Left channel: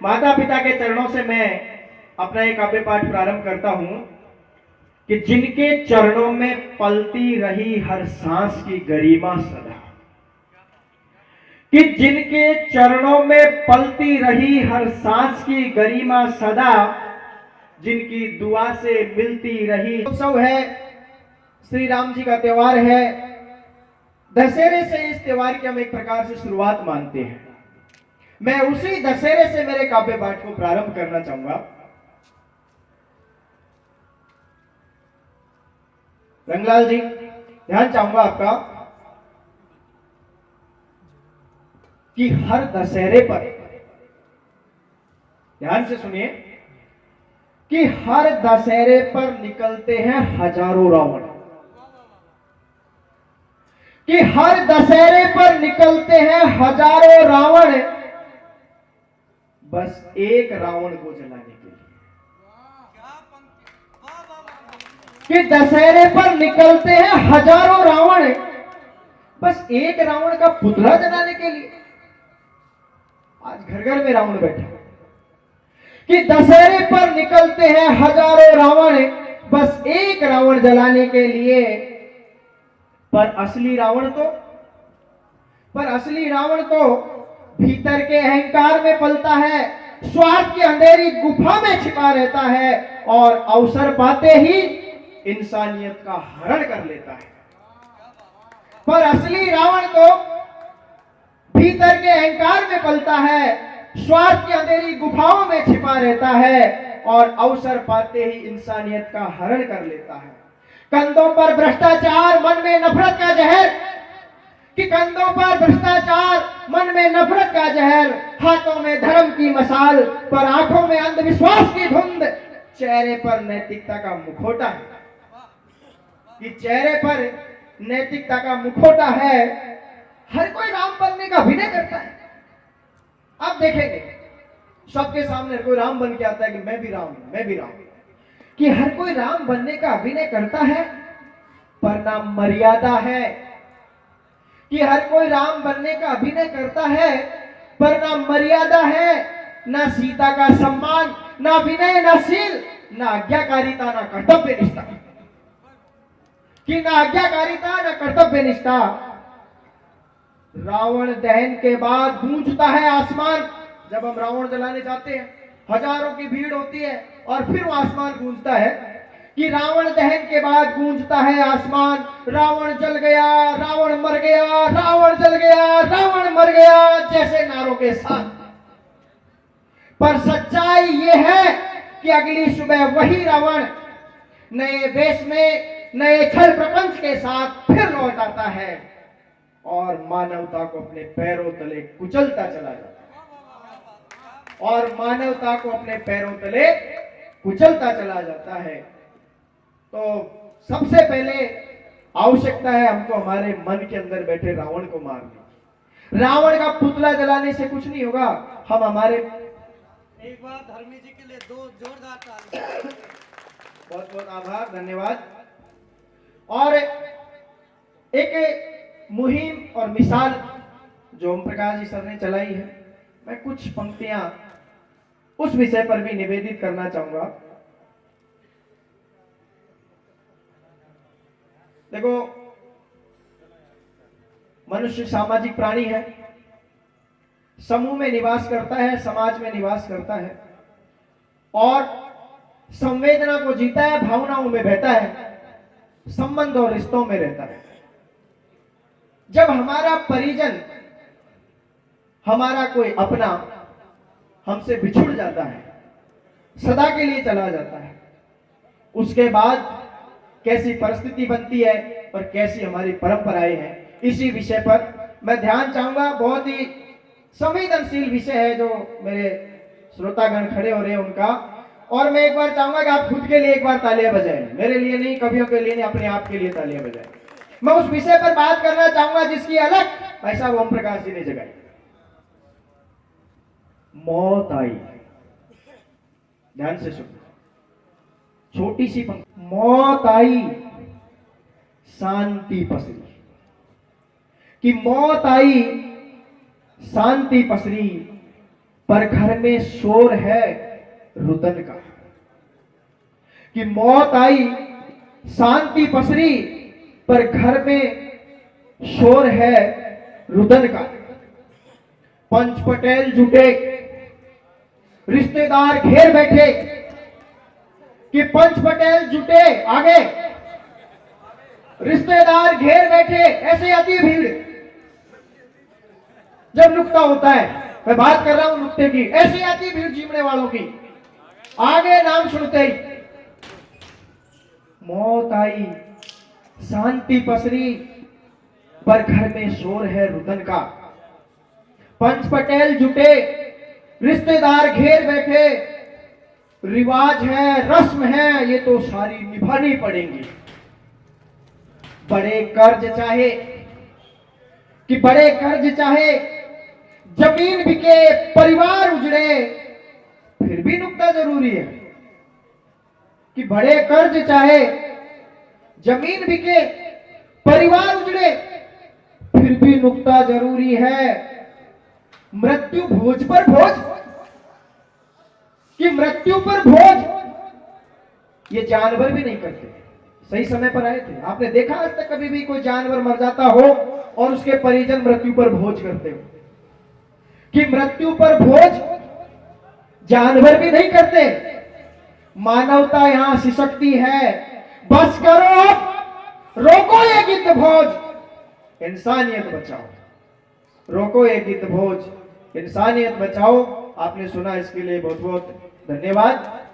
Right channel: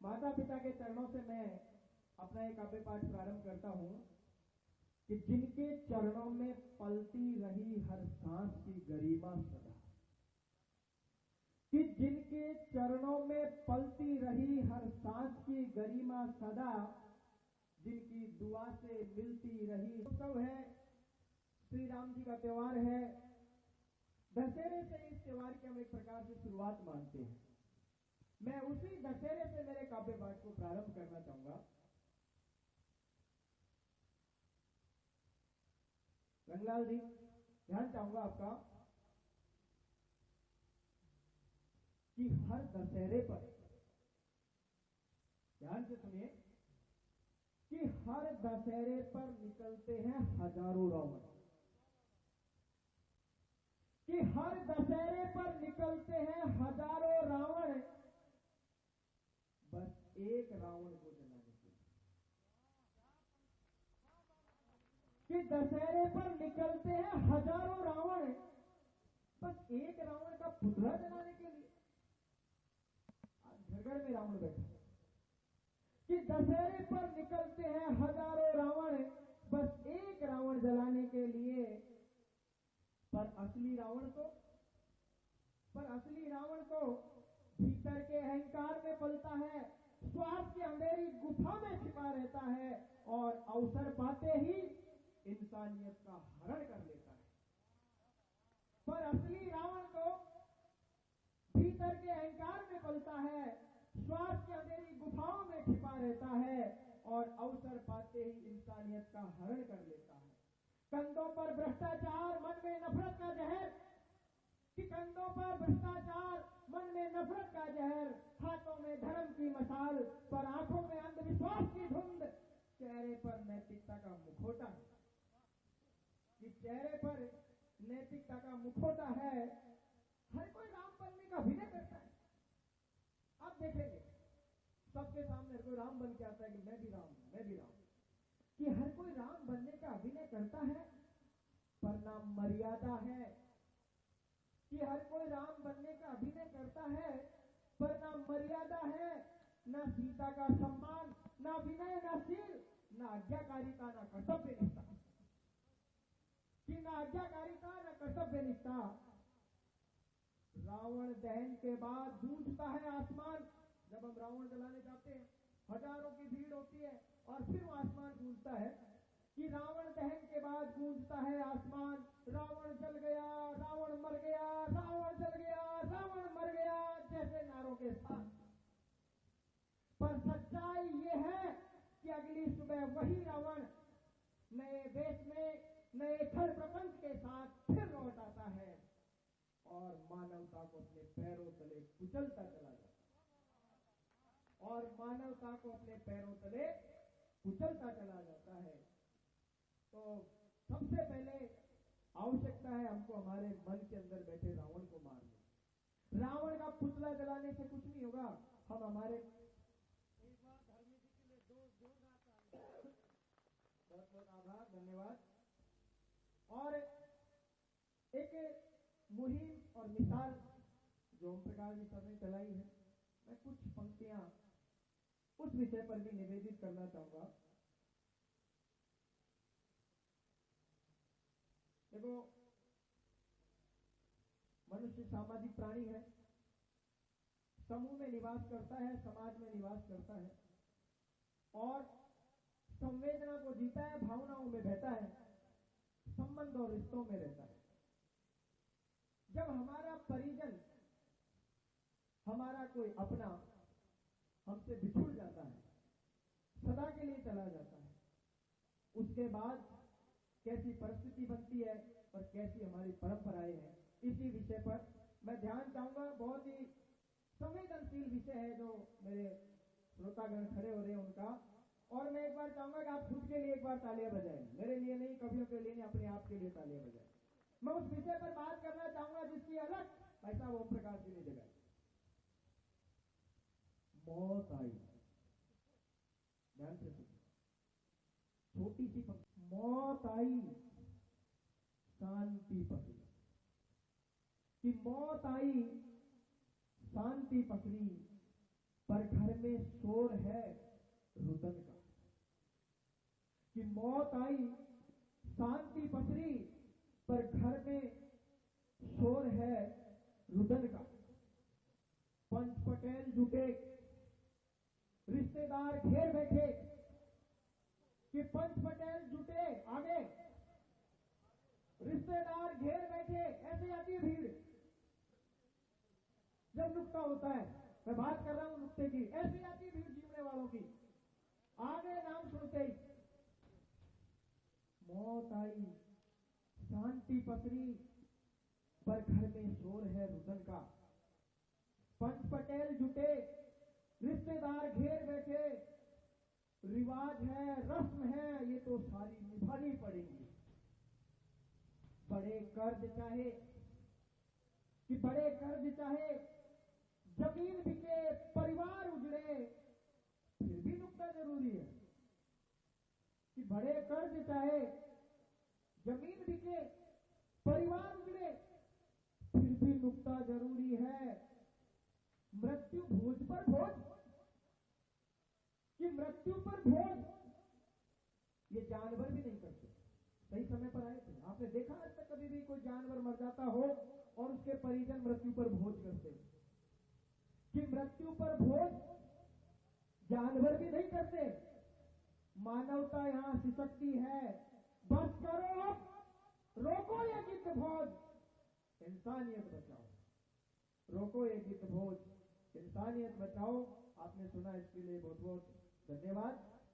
माता पिता के चरणों से मैं अपना एक काव्य पाठ प्रारंभ करता हूं कि जिनके चरणों में पलती रही हर सांस की गरिमा सदा, कि जिनके चरणों में पलती रही हर सांस की गरिमा सदा, जिनकी दुआ से मिलती रही। उत्सव है, श्री राम जी का त्योहार है। दशहरे से इस त्योहार की हम एक प्रकार से शुरुआत मानते हैं। मैं उसी दशहरे से मेरे काव्य पाठ को प्रारंभ करना चाहूंगा। रंगलाल जी, ध्यान चाहूंगा आपका कि हर दशहरे पर, ध्यान से सुनिए, कि हर दशहरे पर निकलते हैं हजारों रावण, कि हर दशहरे पर निकलते हैं हजारों रावण, बस एक रावण को जलाने के लिए। कि दशहरे पर निकलते हैं हजारों रावण, बस एक रावण का पुतला जलाने के लिए। आज घर घर में रावण बैठे, कि दशहरे पर निकलते हैं हजारों रावण, बस एक रावण जलाने के लिए। पर असली रावण तो भीतर के अहंकार में पलता है, स्वार्थ की अंधेरी गुफा में छिपा रहता है और अवसर पाते ही इंसानियत का हरण कर लेता है। पर असली रावण तो भीतर के अहंकार में पलता है, स्वार्थ की अंधेरी गुफाओं में छिपा रहता है और अवसर पाते ही इंसानियत का हरण कर लेता है। कंधों पर भ्रष्टाचार, मन में नफरत का जहर, कि कंधों पर भ्रष्टाचार, मन में नफरत का जहर, हाथों में धर्म की मसाल, पर आंखों में अंधविश्वास की धुंध, चेहरे पर नैतिकता का मुखौटा है, कि चेहरे पर नैतिकता का मुखौटा है। हर कोई राम बनने का अभिनय करता है। आप देखेंगे सबके सामने कोई राम बन के आता है कि मैं भी राम, मैं भी राम, कि हर कोई राम बनने का अभिनय करता है, पर ना मर्यादा है। कि हर कोई राम बनने का अभिनय करता है, पर ना मर्यादा है, ना सीता का सम्मान, ना विनय, ना शील, ना आज्ञाकारिता, ना कर्तव्य निष्ठा, कि ना आज्ञाकारिता, ना कर्तव्य निष्ठा। रावण दहन के बाद गूंजता है आसमान। जब हम रावण जलाने जाते हैं, हजारों की भीड़ होती है और फिर वो आसमान गूंजता है, कि रावण दहन के बाद गूंजता है आसमान, रावण जल गया, रावण मर गया, रावण जल गया, रावण मर गया, जैसे नारों के साथ। पर सच्चाई ये है कि अगली सुबह वही रावण नए वेश में, नए छल प्रपंच के साथ फिर लौट आता है और मानवता को अपने पैरों तले कुचलता चला जाता है, और मानवता को अपने पैरों तले कुचलता चला जाता है। तो सबसे पहले आवश्यकता है हमको हमारे मन के अंदर बैठे रावण को मारने। रावण का पुतला जलाने से कुछ नहीं होगा। हम हमारे, एक बार धर्मी जी के लिए दो जोरदार ताली। बहुत बहुत आभार, धन्यवाद। और एक मुहिम और मिसाल जो ओम प्रकाश जी सर ने चलाई है, मैं कुछ पंक्तियां उस विषय पर भी निवेदित करना चाहूंगा। देखो, मनुष्य सामाजिक प्राणी है, समूह में निवास करता है, समाज में निवास करता है और संवेदना को जीता है, भावनाओं में बहता है, संबंध और रिश्तों में रहता है। जब हमारा परिजन, हमारा कोई अपना हमसे बिछुड़ जाता है, सदा के लिए चला जाता है, उसके बाद कैसी परिस्थिति बनती है और कैसी हमारी परंपराएं हैं, इसी विषय पर मैं ध्यान चाहूंगा। बहुत ही संवेदनशील विषय है जो मेरे श्रोतागण खड़े हो रहे हैं उनका। और मैं एक बार चाहूंगा कि आप खुद के लिए एक बार तालियां बजाएं, मेरे लिए नहीं, कवियों के लिए नहीं, अपने आप के लिए तालियां बजाएं। मैं उस विषय पर बात करना चाहूंगा जिसकी अलग भाई साहब ओम प्रकाश जी ने जगाई। मौत आई, ध्यान से सुनो, छोटी सी पंक्ति। मौत आई, शांति पसरी, कि मौत आई, शांति पसरी, पर घर में शोर है रुदन का। कि मौत आई शांति पसरी, पर घर में शोर है रुदन का। पंच पटेल जुटे, रिश्तेदार घेर बैठे। कि पंच पटेल जुटे आगे, रिश्तेदार घेर बैठे। ऐसे आती है भीड़ जब नुक्ता होता है। मैं बात कर रहा हूं नुक्ते की। ऐसी आती भीड़ जीवने वालों की। आगे नाम सुनते ही मौत आई शांति पसरी, पर घर में शोर है रुदन का। पंच पटेल जुटे, रिश्तेदार घेर बैठे। रिवाज है, रस्म है, ये तो सारी निभानी पड़ेंगी। बड़े कर्ज चाहे, कि बड़े कर्ज चाहे, जमीन बिके, परिवार उजड़े, फिर भी नुक्ता जरूरी है। कि बड़े कर्ज चाहे, जमीन बिके, परिवार उजड़े, फिर भी नुक्ता जरूरी है। मृत्यु भोज पर भोज, कि मृत्यु पर भोज ये जानवर भी नहीं करते। सही समय पर आए थे। आपने देखा आज तक कभी भी कोई जानवर मर जाता हो और उसके परिजन मृत्यु पर भोज करते हो? कि मृत्यु पर भोज जानवर भी नहीं करते। मानवता यहां सिसकती है। बस करो, रोको ये गिद्ध भोज, इंसानियत बचाओ। रोको ये गिद्ध भोज, इंसानियत बचाओ। आपने सुना, इसके लिए बहुत बहुत धन्यवाद।